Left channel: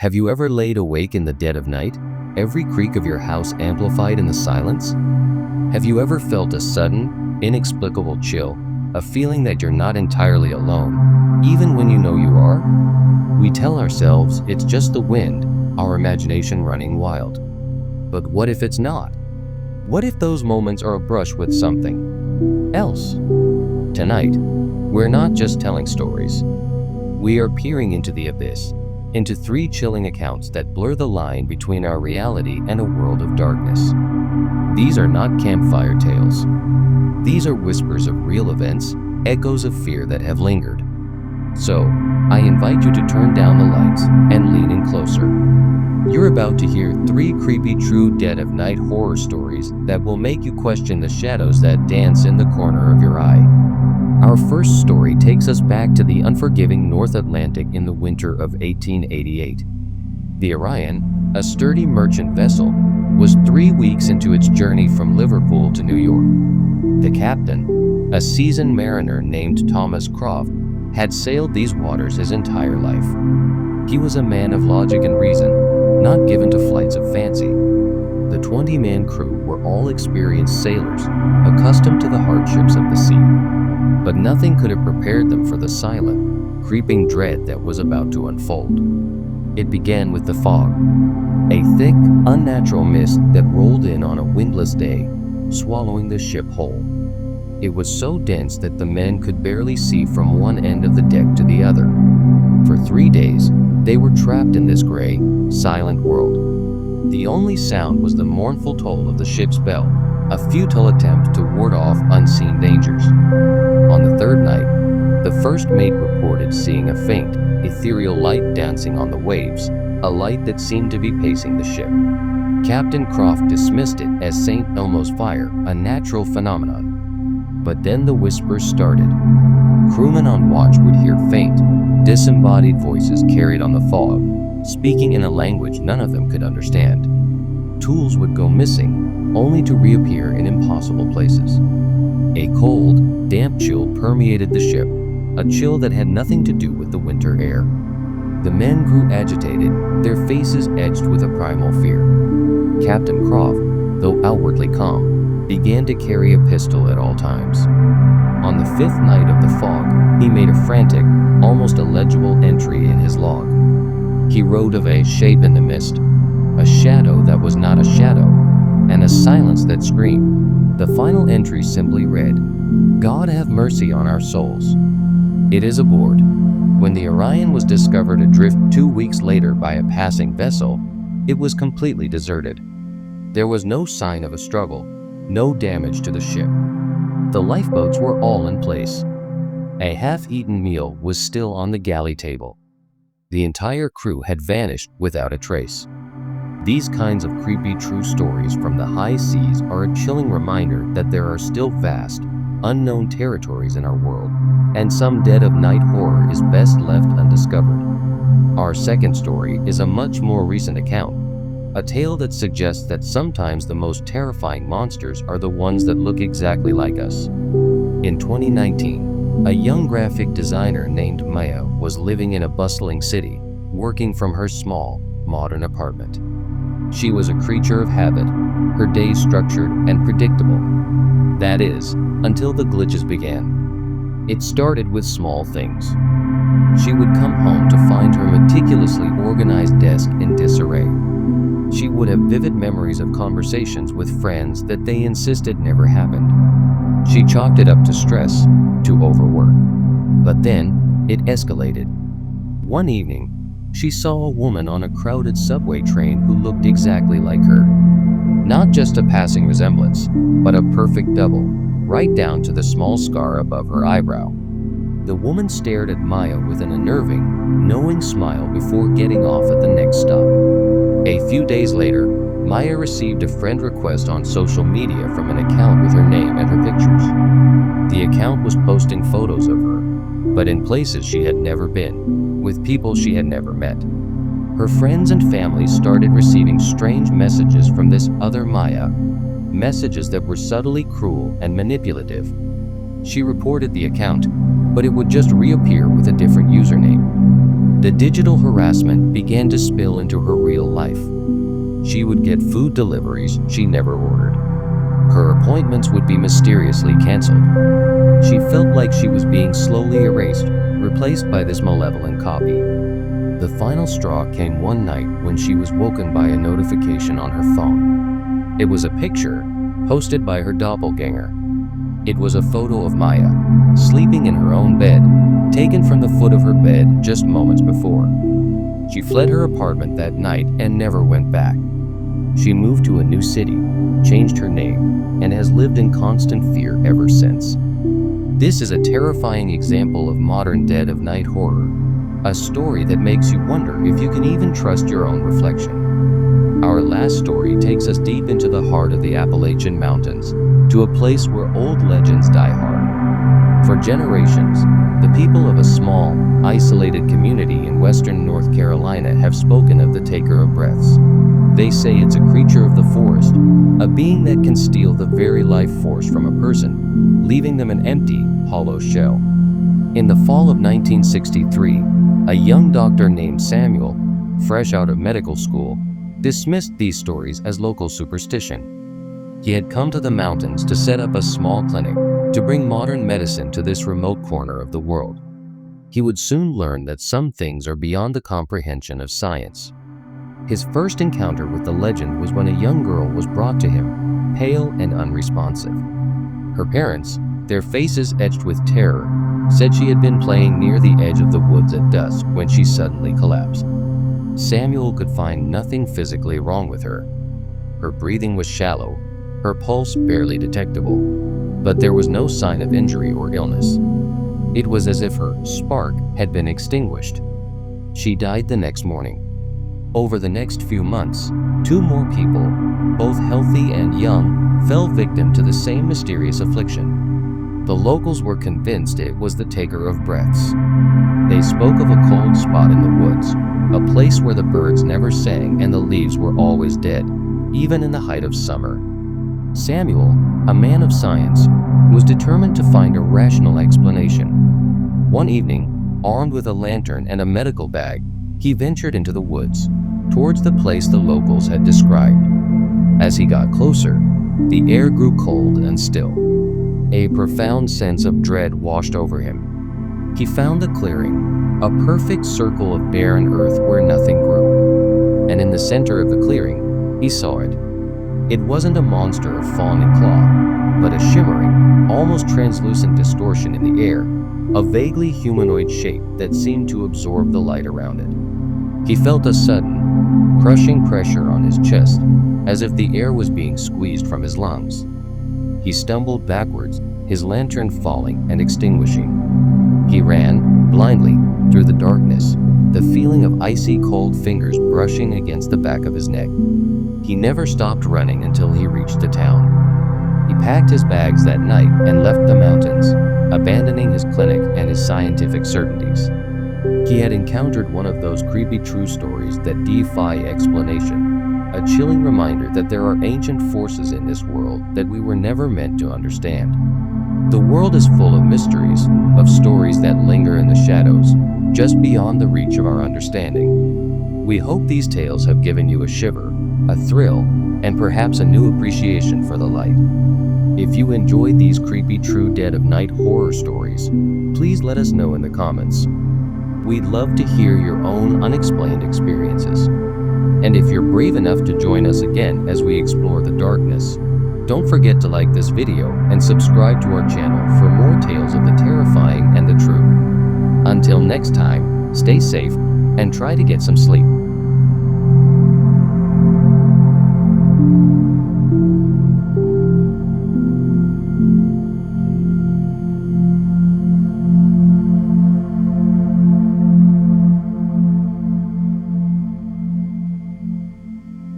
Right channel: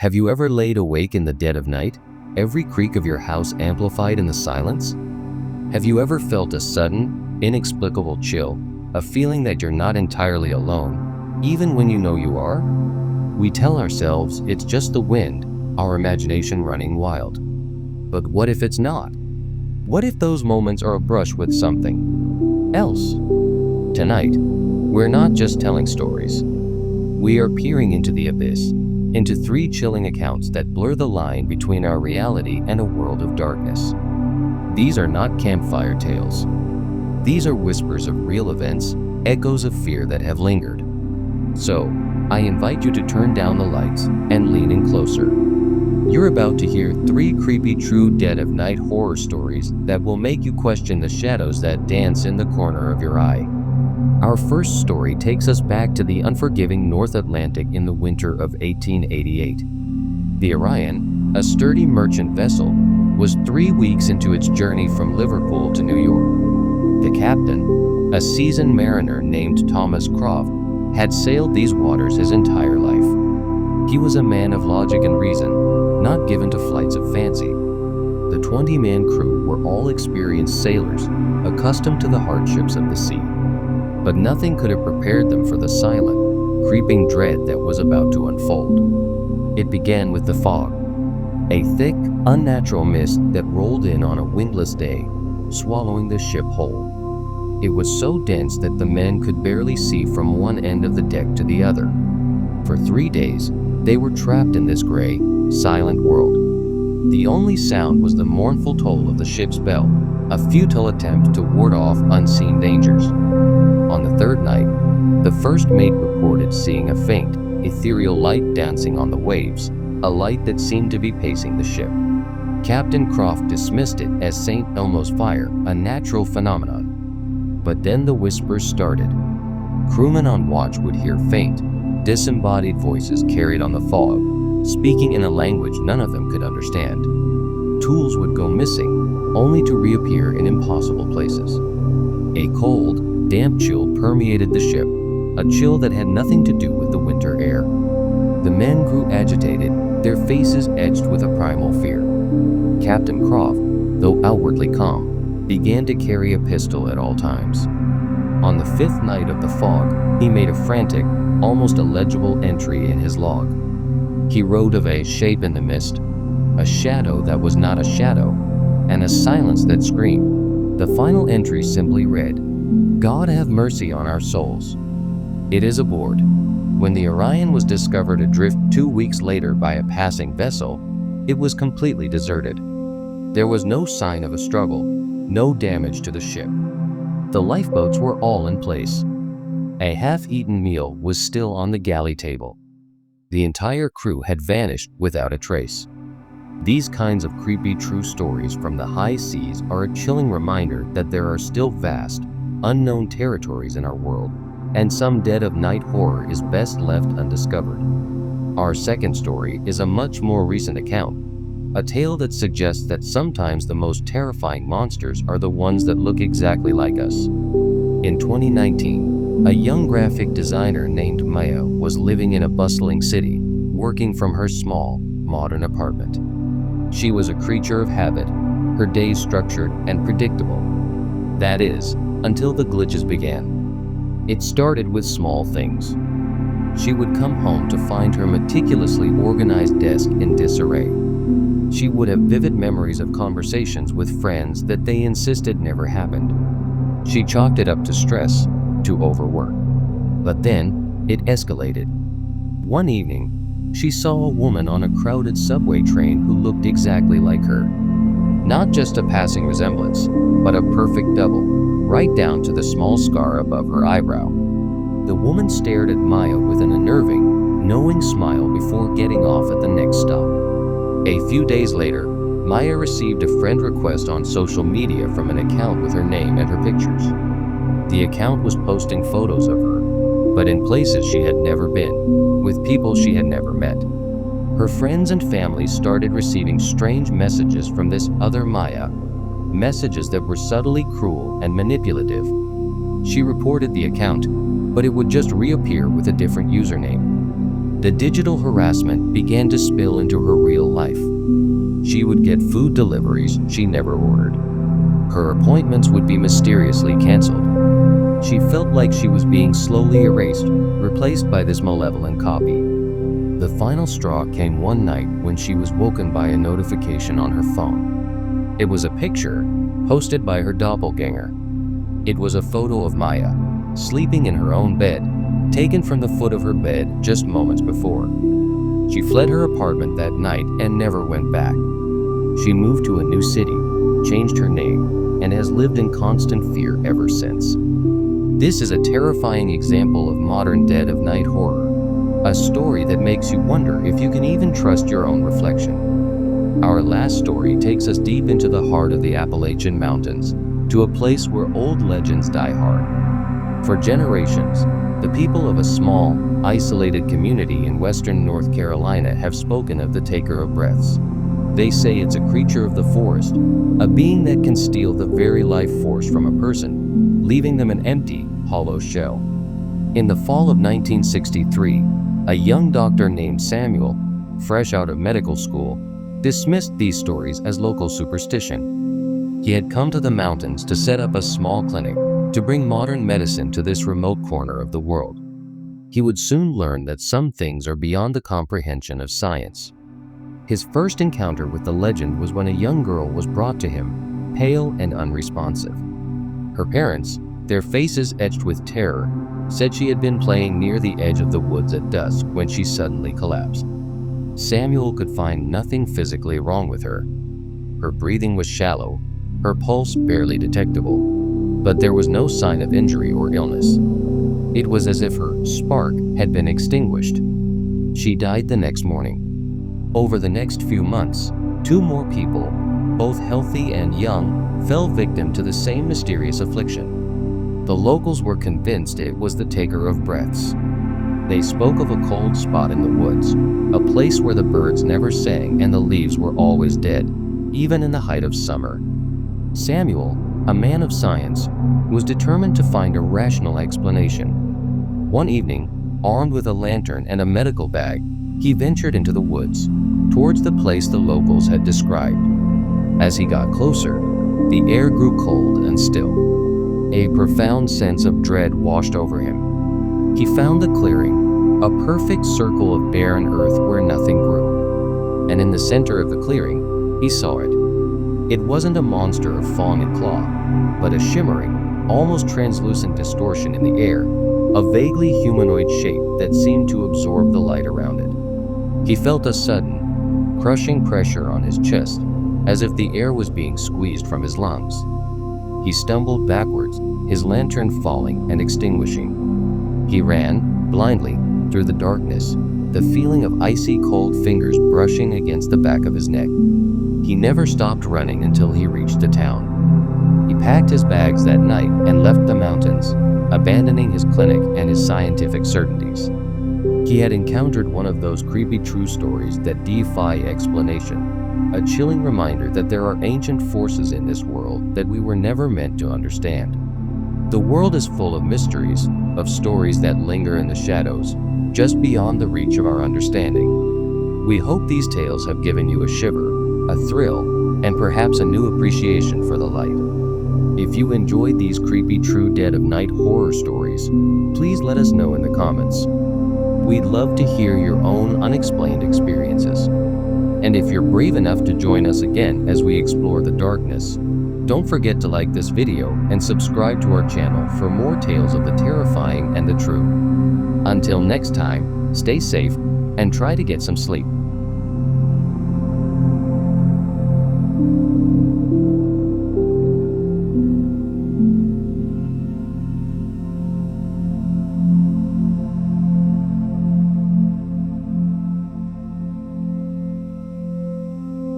Have you ever laid awake in the dead of night, every creak of your house amplified in the silence? Have you ever felt a sudden, inexplicable chill, a feeling that you're not entirely alone, even when you know you are? We tell ourselves it's just the wind, our imagination running wild. But what if it's not? What if those moments are a brush with something else? Tonight, we're not just telling stories. We are peering into the abyss, into 3 chilling accounts that blur the line between our reality and a world of darkness. These are not campfire tales. These are whispers of real events, echoes of fear that have lingered. So, I invite you to turn down the lights and lean in closer. You're about to hear 3 creepy true dead of night horror stories that will make you question the shadows that dance in the corner of your eye. Our first story takes us back to the unforgiving North Atlantic in the winter of 1888. The Orion, a sturdy merchant vessel, was 3 weeks into its journey from Liverpool to New York. The captain, a seasoned mariner named Thomas Croft, had sailed these waters his entire life. He was a man of logic and reason, not given to flights of fancy. The 20-man crew were all experienced sailors, accustomed to the hardships of the sea. But nothing could have prepared them for the silent, creeping dread that was about to unfold. It began with the fog, a thick, unnatural mist that rolled in on a windless day, swallowing the ship whole. It was so dense that the men could barely see from one end of the deck to the other. For 3 days, they were trapped in this gray, silent world. The only sound was the mournful toll of the ship's bell, a futile attempt to ward off unseen dangers. On the 3rd night, the first mate reported seeing a faint, ethereal light dancing on the waves, a light that seemed to be pacing the ship. Captain Croft dismissed it as St. Elmo's fire, a natural phenomenon. But then the whispers started. Crewmen on watch would hear faint, disembodied voices carried on the fog, speaking in a language none of them could understand. Tools would go missing, only to reappear in impossible places. A cold, damp chill permeated the ship, a chill that had nothing to do with the winter air. The men grew agitated, their faces edged with a primal fear. Captain Croft, though outwardly calm, began to carry a pistol at all times. On the 5th night of the fog, he made a frantic, almost illegible entry in his log. He wrote of a shape in the mist, a shadow that was not a shadow, and a silence that screamed. The final entry simply read, "God have mercy on our souls." It is aboard. When the Orion was discovered adrift 2 weeks later by a passing vessel, it was completely deserted. There was no sign of a struggle, no damage to the ship. The lifeboats were all in place. A half-eaten meal was still on the galley table. The entire crew had vanished without a trace. These kinds of creepy true stories from the high seas are a chilling reminder that there are still vast, unknown territories in our world, and some dead of night horror is best left undiscovered. Our second story is a much more recent account, a tale that suggests that sometimes the most terrifying monsters are the ones that look exactly like us. In 2019, a young graphic designer named Maya was living in a bustling city, working from her small, modern apartment. She was a creature of habit, her days structured and predictable. That is, until the glitches began. It started with small things. She would come home to find her meticulously organized desk in disarray. She would have vivid memories of conversations with friends that they insisted never happened. She chalked it up to stress, to overwork. But then, it escalated. One evening, she saw a woman on a crowded subway train who looked exactly like her. Not just a passing resemblance, but a perfect double, right down to the small scar above her eyebrow. The woman stared at Maya with an unnerving, knowing smile before getting off at the next stop. A few days later, Maya received a friend request on social media from an account with her name and her pictures. The account was posting photos of her, but in places she had never been, with people she had never met. Her friends and family started receiving strange messages from this other Maya, messages that were subtly cruel and manipulative. She reported the account, but it would just reappear with a different username. The digital harassment began to spill into her real life. She would get food deliveries she never ordered. Her appointments would be mysteriously canceled. She felt like she was being slowly erased, replaced by this malevolent copy. The final straw came one night when she was woken by a notification on her phone. It was a picture posted by her doppelganger. It was a photo of Maya, sleeping in her own bed, taken from the foot of her bed just moments before. She fled her apartment that night and never went back. She moved to a new city, changed her name, and has lived in constant fear ever since. This is a terrifying example of modern dead of night horror, a story that makes you wonder if you can even trust your own reflection. Our last story takes us deep into the heart of the Appalachian Mountains, to a place where old legends die hard. For generations, the people of a small, isolated community in western North Carolina have spoken of the taker of breaths. They say it's a creature of the forest, a being that can steal the very life force from a person, leaving them an empty, hollow shell. In the fall of 1963, a young doctor named Samuel, fresh out of medical school, dismissed these stories as local superstition. He had come to the mountains to set up a small clinic to bring modern medicine to this remote corner of the world. He would soon learn that some things are beyond the comprehension of science. His first encounter with the legend was when a young girl was brought to him, pale and unresponsive. Her parents, their faces etched with terror, said she had been playing near the edge of the woods at dusk when she suddenly collapsed. Samuel could find nothing physically wrong with her. Her breathing was shallow, her pulse barely detectable, but there was no sign of injury or illness. It was as if her spark had been extinguished. She died the next morning. Over the next few months, 2 more people, both healthy and young, fell victim to the same mysterious affliction. The locals were convinced it was the taker of breaths. They spoke of a cold spot in the woods, a place where the birds never sang and the leaves were always dead, even in the height of summer. Samuel, a man of science, was determined to find a rational explanation. One evening, armed with a lantern and a medical bag, he ventured into the woods, towards the place the locals had described. As he got closer, the air grew cold and still. A profound sense of dread washed over him. He found the clearing, a perfect circle of barren earth where nothing grew. And in the center of the clearing, he saw it. It wasn't a monster of fang and claw, but a shimmering, almost translucent distortion in the air, a vaguely humanoid shape that seemed to absorb the light around it. He felt a sudden, crushing pressure on his chest, as if the air was being squeezed from his lungs. He stumbled backwards, his lantern falling and extinguishing. He ran, blindly, through the darkness, the feeling of icy cold fingers brushing against the back of his neck. He never stopped running until he reached the town. He packed his bags that night and left the mountains, abandoning his clinic and his scientific certainties. He had encountered one of those creepy true stories that defy explanation, a chilling reminder that there are ancient forces in this world that we were never meant to understand. The world is full of mysteries, of stories that linger in the shadows, just beyond the reach of our understanding. We hope these tales have given you a shiver, a thrill, and perhaps a new appreciation for the light. If you enjoyed these creepy true dead of night horror stories, please let us know in the comments. We'd love to hear your own unexplained experiences. And if you're brave enough to join us again as we explore the darkness, don't forget to like this video and subscribe to our channel for more tales of the terrifying and the true. Until next time, stay safe and try to get some sleep.